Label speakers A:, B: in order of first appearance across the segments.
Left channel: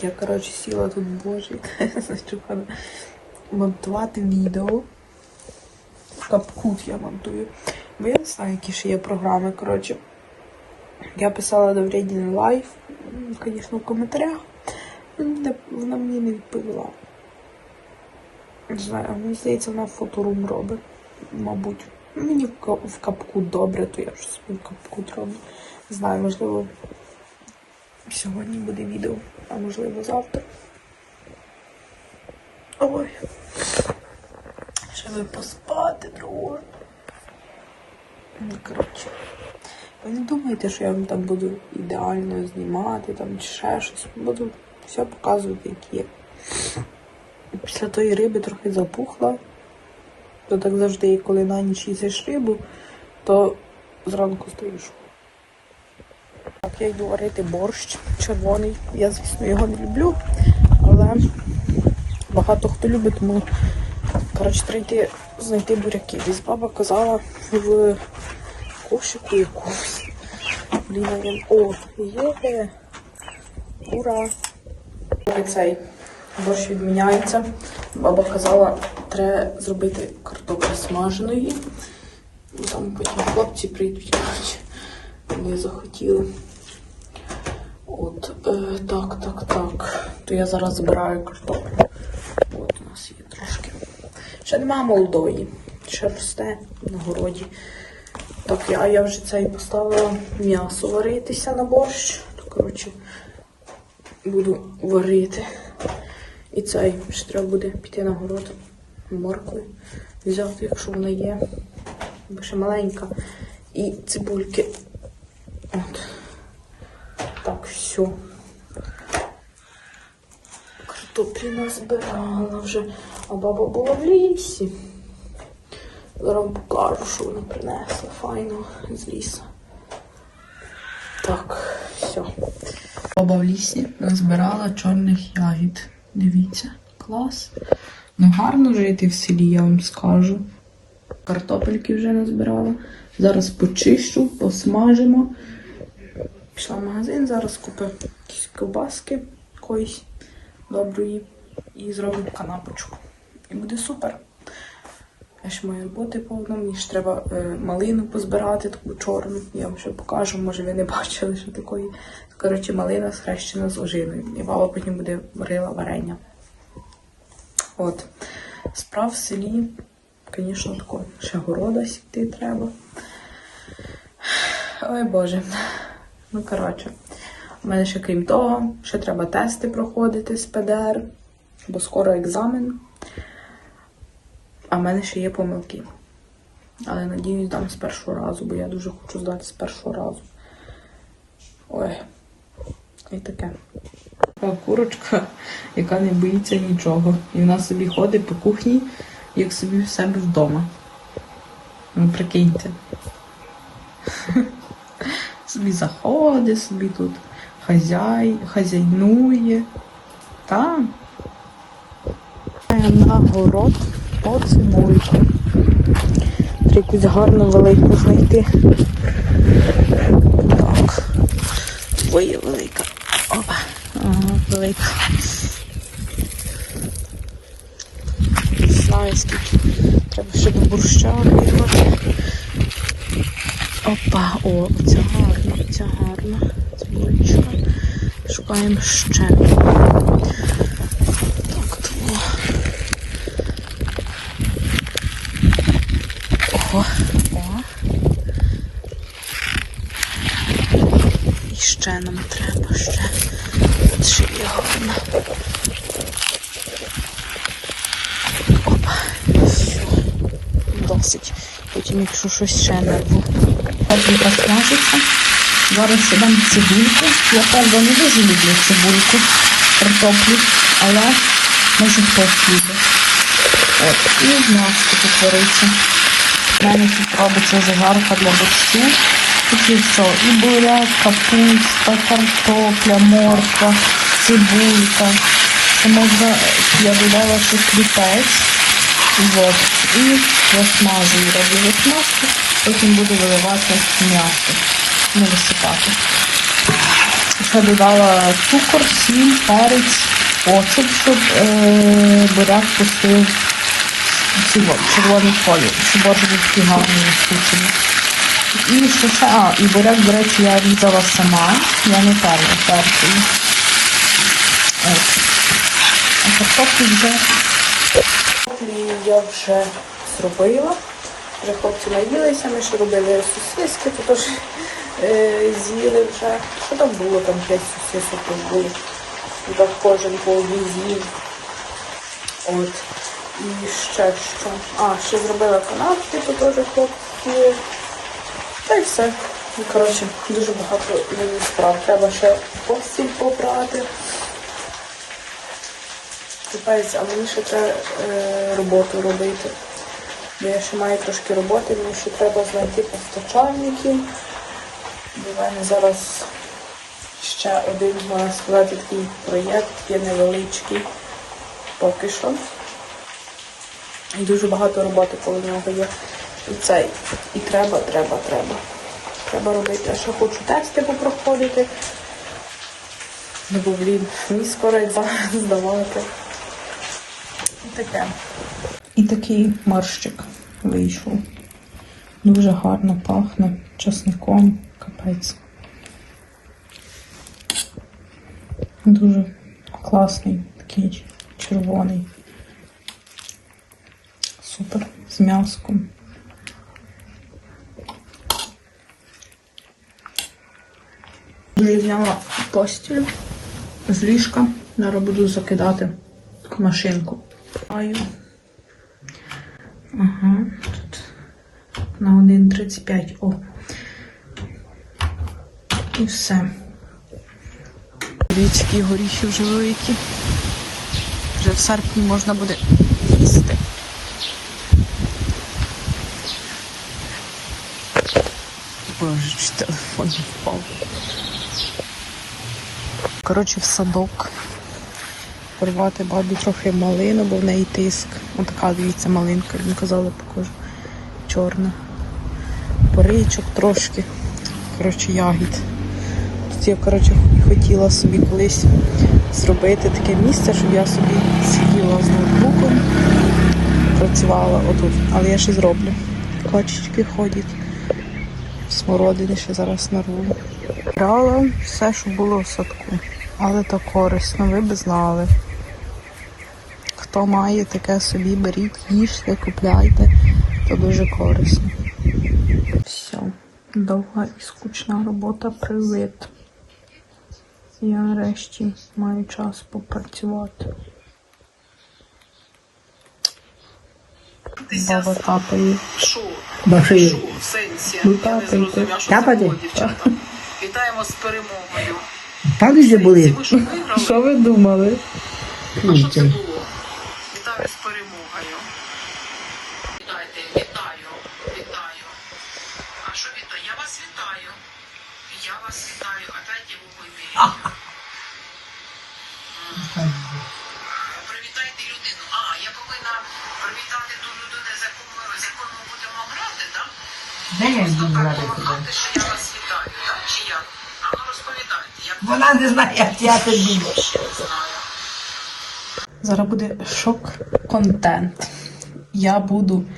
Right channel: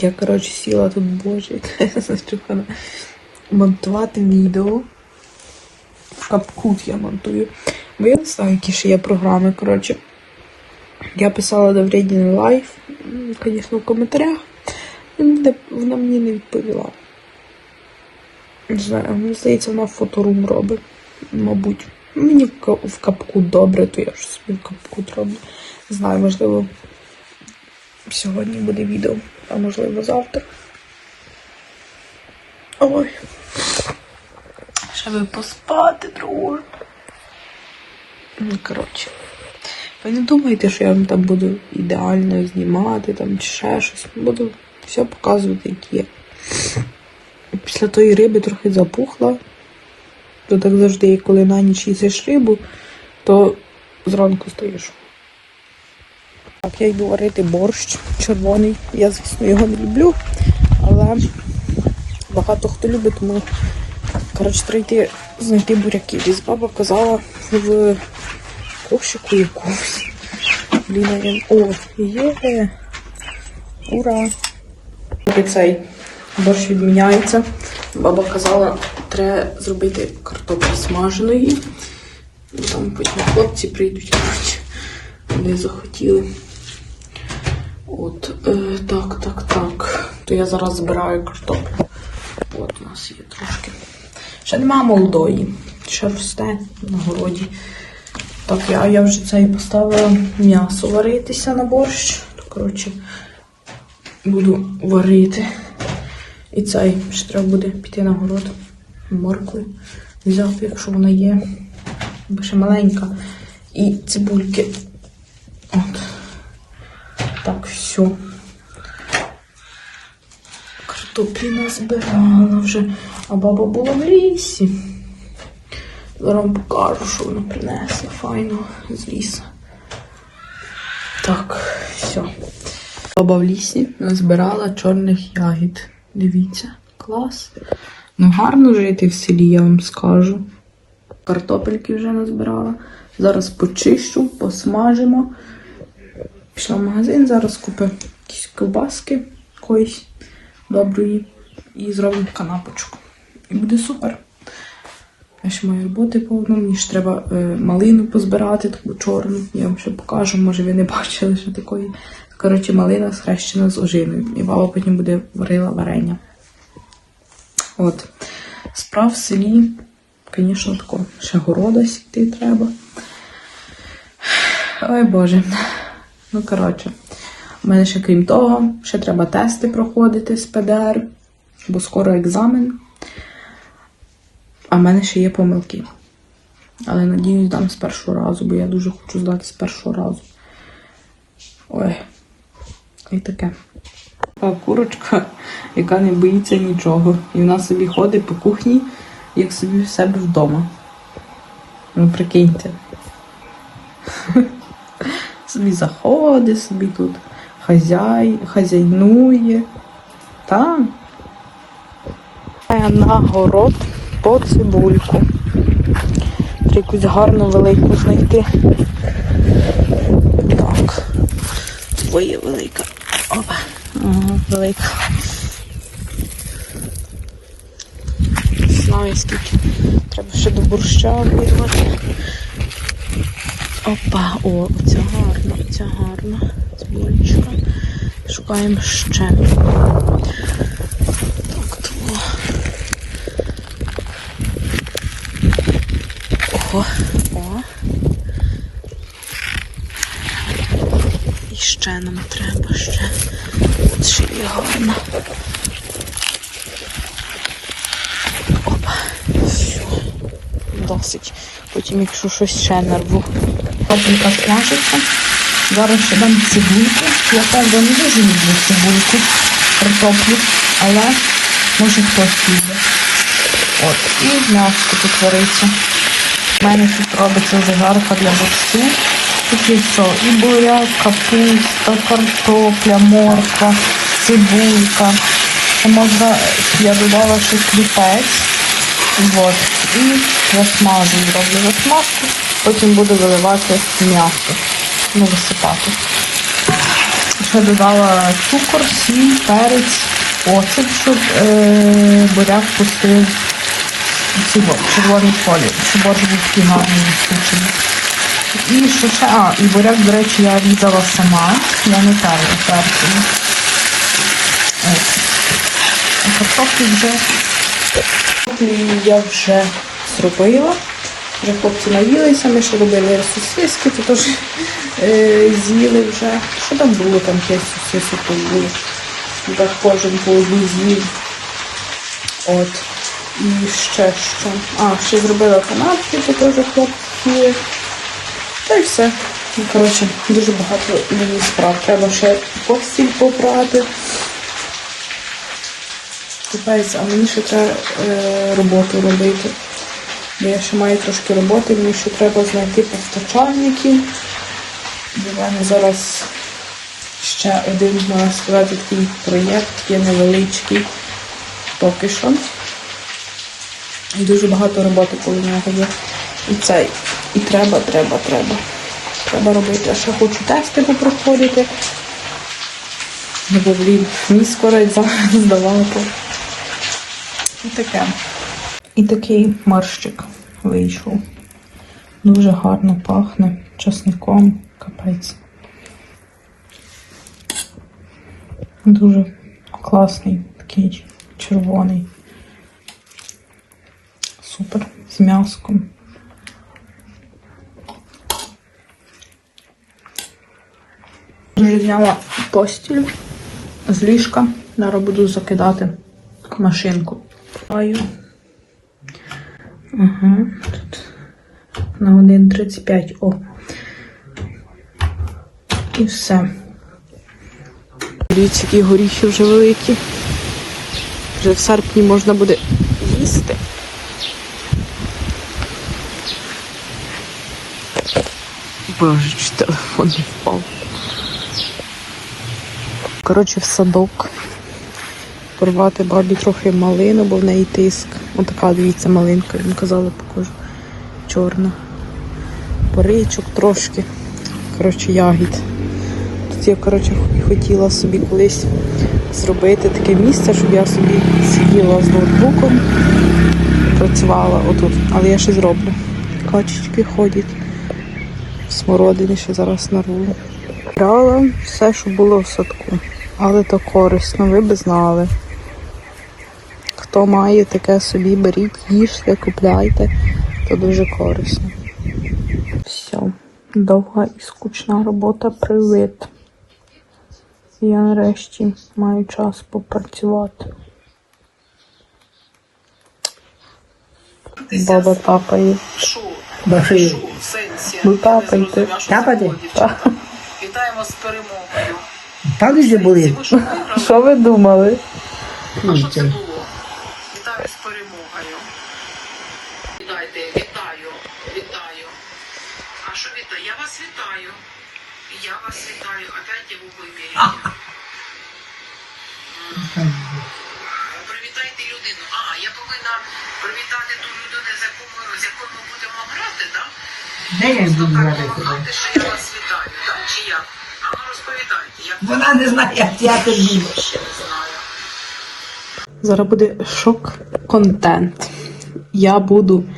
A: Я, коротше, сіла тут, боже, яка зачухана. Монтувати відео. Капкут я монтую. Бо я не знаю, які ще є програми, коротше. Я писала до Вредін лайф, звісно, в коментарях. Вона мені не відповіла. Не знаю, мені здається, вона фоторум робить. Мабуть. Мені в капкут добре, то я ж собі в капкут роблю. Не знаю, можливо, сьогодні буде відео, а можливо завтра. Ой. Ще би поспати. Ну, коротше. Ви не думайте, що я вам там буду ідеально знімати там чи ще щось. Буду все показувати, як є. Після тої риби трохи запухла. То так завжди, коли на ніч їсиш рибу, то зранку стоїш. Так, я йду варити борщ червоний. Я, звісно, його не люблю, але багато хто любить, тому коротше, треба йти знайти буряки. Десь баба казала в кошику якогось. Блін. О, є. Ура! Поки цей борщ відміняється. Баба казала, треба зробити картоплю смаженої. Там потім хлопці прийдуть. Вони захотіли. От, е, так, так, так. То я зараз збираю картоплю. От у нас є трошки. Ще нема молодої. Ще росте на городі. Так, я, я вже цей поставила м'ясо варитися на борщ. То, коротше, буду варити. І цей ще треба буде піти на город моркви. Взяти, якщо вона є. Бо ще маленька. І цибульки. От. Так, все. Картоплі назбирала вже. А баба була в лісі. Зараз вам покажу, що вона принесла файно з лісу. Так, все. Баба в лісі назбирала чорних ягід. Дивіться, клас. Ну гарно жити в селі, я вам скажу. Картопельки вже назбирала. Зараз почищу, посмажимо. Пішла в магазин, зараз куплю якісь ковбаски якоїсь доброї і зробимо канапочку. І буде супер. Я ще маю роботи повно, мені ж треба е, малину позбирати, таку чорну. Я вам ще покажу, може ви не бачили ще такої. Коротше, малина схрещена з ожиною. І баба потім буде варила варення. От. Справ в селі, звісно, тако, ще города сіти треба. Ой Боже. Ну, коротше, у мене ще крім того, ще треба тести проходити з ПДР, бо скоро екзамен. А в мене ще є помилки. Але надіюсь, дам з першого разу, бо я дуже хочу здати з першого разу. Ой, і таке. Така курочка, яка не боїться нічого. І вона собі ходить по кухні, як собі в себе вдома. Ну, прикиньте. Собі заходить, собі тут хазяй, хазяйнує. Там. На город по цибульку. Треба якусь гарну велику знайти. Так. Ой, велика. Опа. Ага, велика. Знаю скільки. Треба ще до борща вирвати. Опа, о, оця гарна, оця гарна. Цибульчика. Шукаємо ще. Так, тому. О, о. І ще нам треба, ще. От ще є гарна. Опа, все. Досить. Потім, якщо щось ще нарву. Потім посмажиться. Зараз дам цибульку. Правда не дуже люблю цибульку, картоплю, але може хтось любить. От, і м'ясо тут вариться. У мене тут робиться вже жарка для борщу. Тут є все. І буряк, капуста, картопля, морква, цибулька. Можна, я додала ще сліпець. Вот. І засмажую, роблю засмажку. Потім буду виливати м'ясо. Не засипати. Що ще додала цукор, сіль, перець, оцет, буряк пустив червоний колір, організки гарно висохли. І ще, а, і буряк, до речі, я різала сама, я не перед перцем. Картоплю вже я вже зробила. Вже хлопці наїлися, ми ще робили сосиски, то теж з'їли вже. Що там було? Там 5 сосисок було. Ну, Так кожен по одній з'їв. От. І ще що. А, ще зробила канапки, то теж хлопці. Та й все. Ну, коротше, дуже багато мені справ. Треба ще постіль попрати. Купається, а мені ще треба е, роботу робити. Бо я ще маю трошки роботи, мені ще треба знайти постачальників. В мене зараз ще один, можна сказати, такий проєкт є невеличкий поки що. Дуже багато роботи коло нього є. І цей. І треба, треба, треба. Треба робити. Ще хочу тести попроходити. Бо, блін, мені скоро здавати. І таке. І такий марщик вийшов. Дуже гарно пахне часником, капець. Дуже класний, такий червоний. Супер. З м'яском. Вже зняла постіль з ліжка. Зараз буду закидати машинку. Ага, тут на 1.35. О. І все. Дивіться, які вже великі. Вже в серпні можна буде їсти. Боже, телефон не впав. Коротше, в садок. Порвати бабі трохи малину, бо в неї тиск. Отака, дивіться, малинка, я казала, покажу. Чорна. Поричок трошки. Коротше, ягід. Я, коротше, хотіла собі колись зробити таке місце, щоб я собі сиділа з ноутбуком, працювала отут. Але я ще зроблю. Качечки ходять. Смородини ще зараз нарву. Брала все, що було в садку. Але то корисно, ви б знали. Хто має таке собі, беріть, їжте, купляйте, то дуже корисно. Все, довга і скучна робота привид. Я нарешті маю час попрацювати. Баба тапає.
B: Баши.
A: Ну, тапайте.
C: дівчата. Вітаємо з перемогою.
B: Там же були.
C: Що?
A: Що ви думали?
C: А що це було? Вітаю з перемогою. Вітайте, вітаю, вітаю. А що вітаю? Я вас вітаю. Я вас вітаю. А дайте вуглики. Привітайте людину. А, я повинна привітати ту людину, з якою, з якою ми будемо грати, так?
B: Де я буду грати?
C: що я вас вітаю, так? Чи як? А ну розповідайте, як
B: Вона не знає, як я
C: знаю.
A: Зараз буде шок-контент. Я буду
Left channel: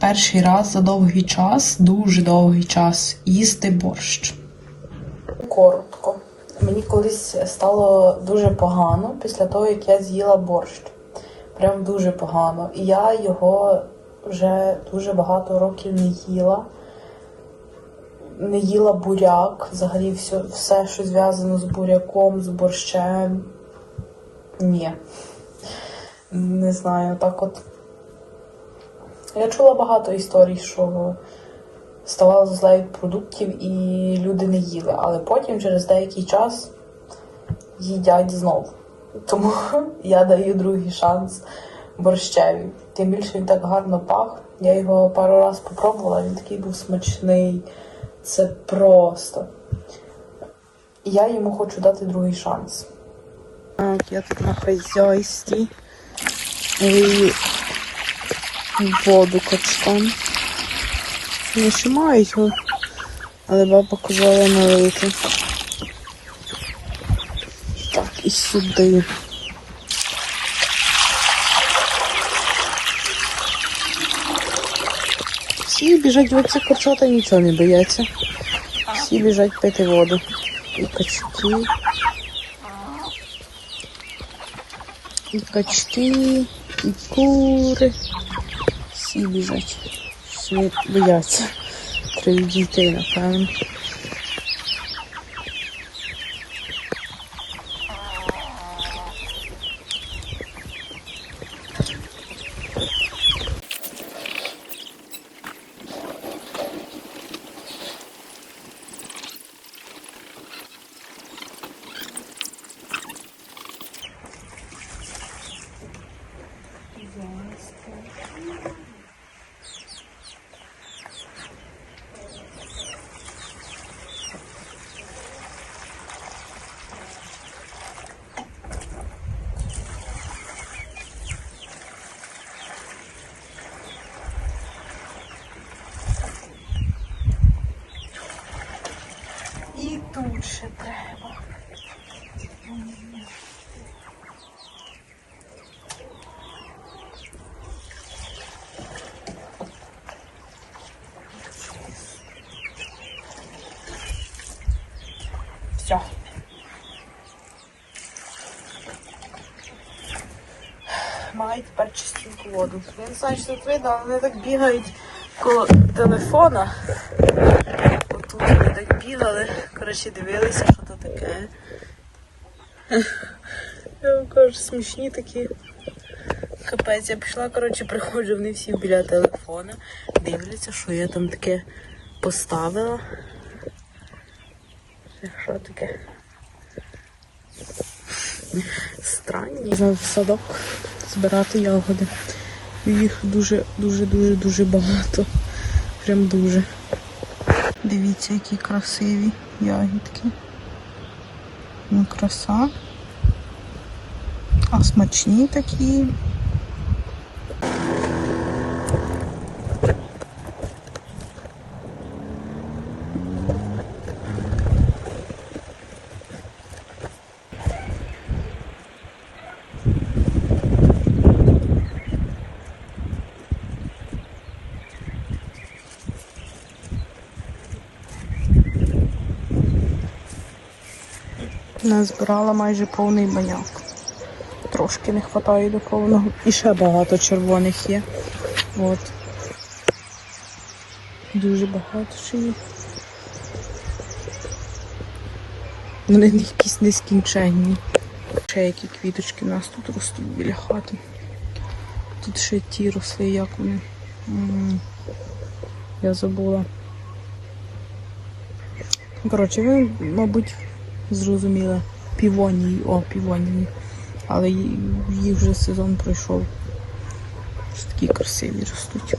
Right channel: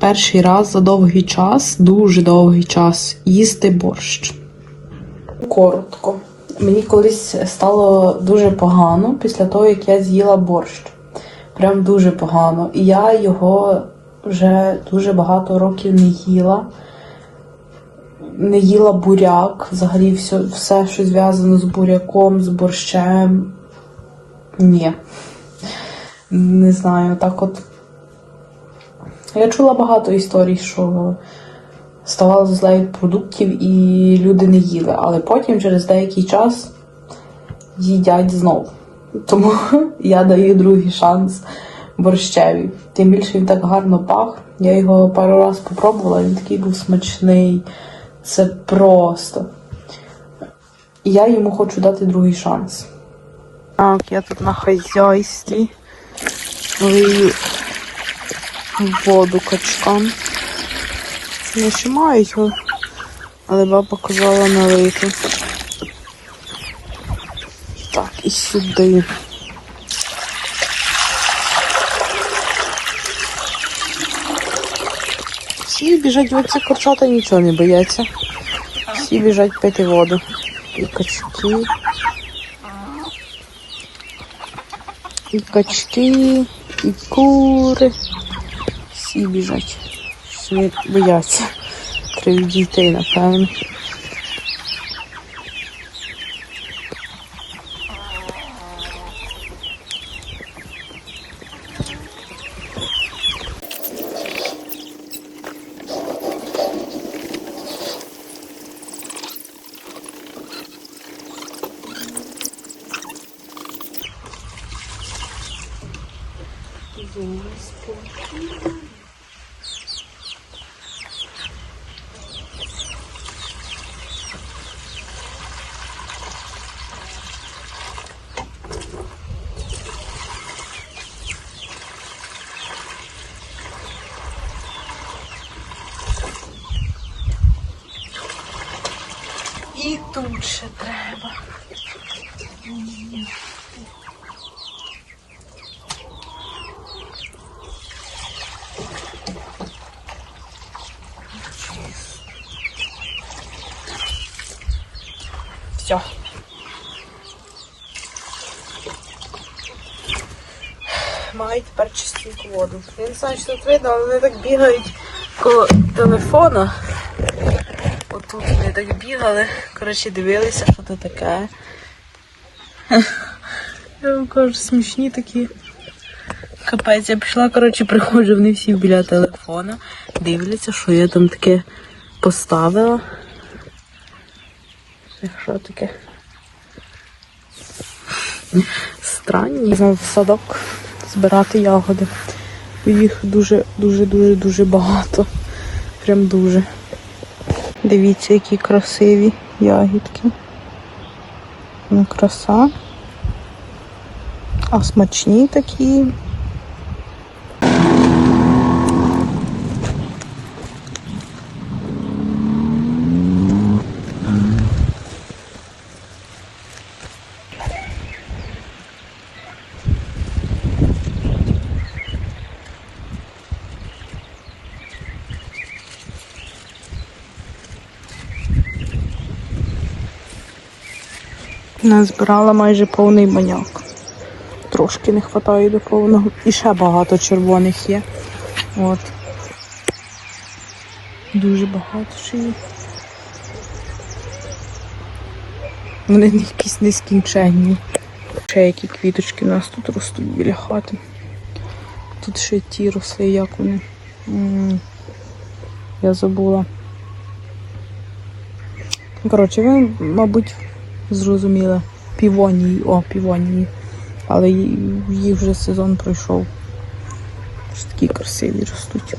A: перший раз за довгий час, дуже довгий час, їсти борщ. Коротко. Мені колись стало дуже погано після того, як я з'їла борщ. Прям дуже погано. І я його вже дуже багато років не їла. Не їла буряк, взагалі все, все що зв'язано з буряком, з борщем. Ні. Не знаю, так от. Я чула багато історій, що ставало зле від продуктів і люди не їли, але потім через деякий час їдять знов. Тому я даю другий шанс борщеві. Тим більше він так гарно пах. Я його пару раз попробувала, він такий був смачний. Це просто. Я йому хочу дати другий шанс. Так, я тут на хазяйстві лию воду качкам. Не мають, але баба казала налити. і сюди. Всі біжать, оці курчата нічого не бояться. Всі біжать пити воду. І качки. І качки, і кури. Всі біжать. Всі бояться. Крім дітей, напевно. І тут ще треба. Все. Мають тепер чистеньку воду. Я не знаю, що тут видно, але вони так бігають коло телефона. Отут вони так бігали, коротше, дивилися, що це таке. Я вам кажу, смішні такі. Капець, я пішла, коротше, приходжу, вони всі біля телефона, дивляться, що я там таке поставила. Що таке? Странні. На садок збирати ягоди. Їх дуже, дуже, дуже, дуже багато. Прям дуже. Дивіться, які красиві ягідки. Ну, краса. А смачні такі. Назбирала майже повний баняк. Трошки не вистачає до повного. І ще багато червоних є. От. Дуже багато ще є. Вони якісь нескінченні. Ще які квіточки у нас тут ростуть біля хати. Тут ще ті росли, як вони. Я забула. Коротше, ви, мабуть, зрозуміли. Півонії, о, півонії. Але їх вже сезон пройшов. Такі красиві ростуть.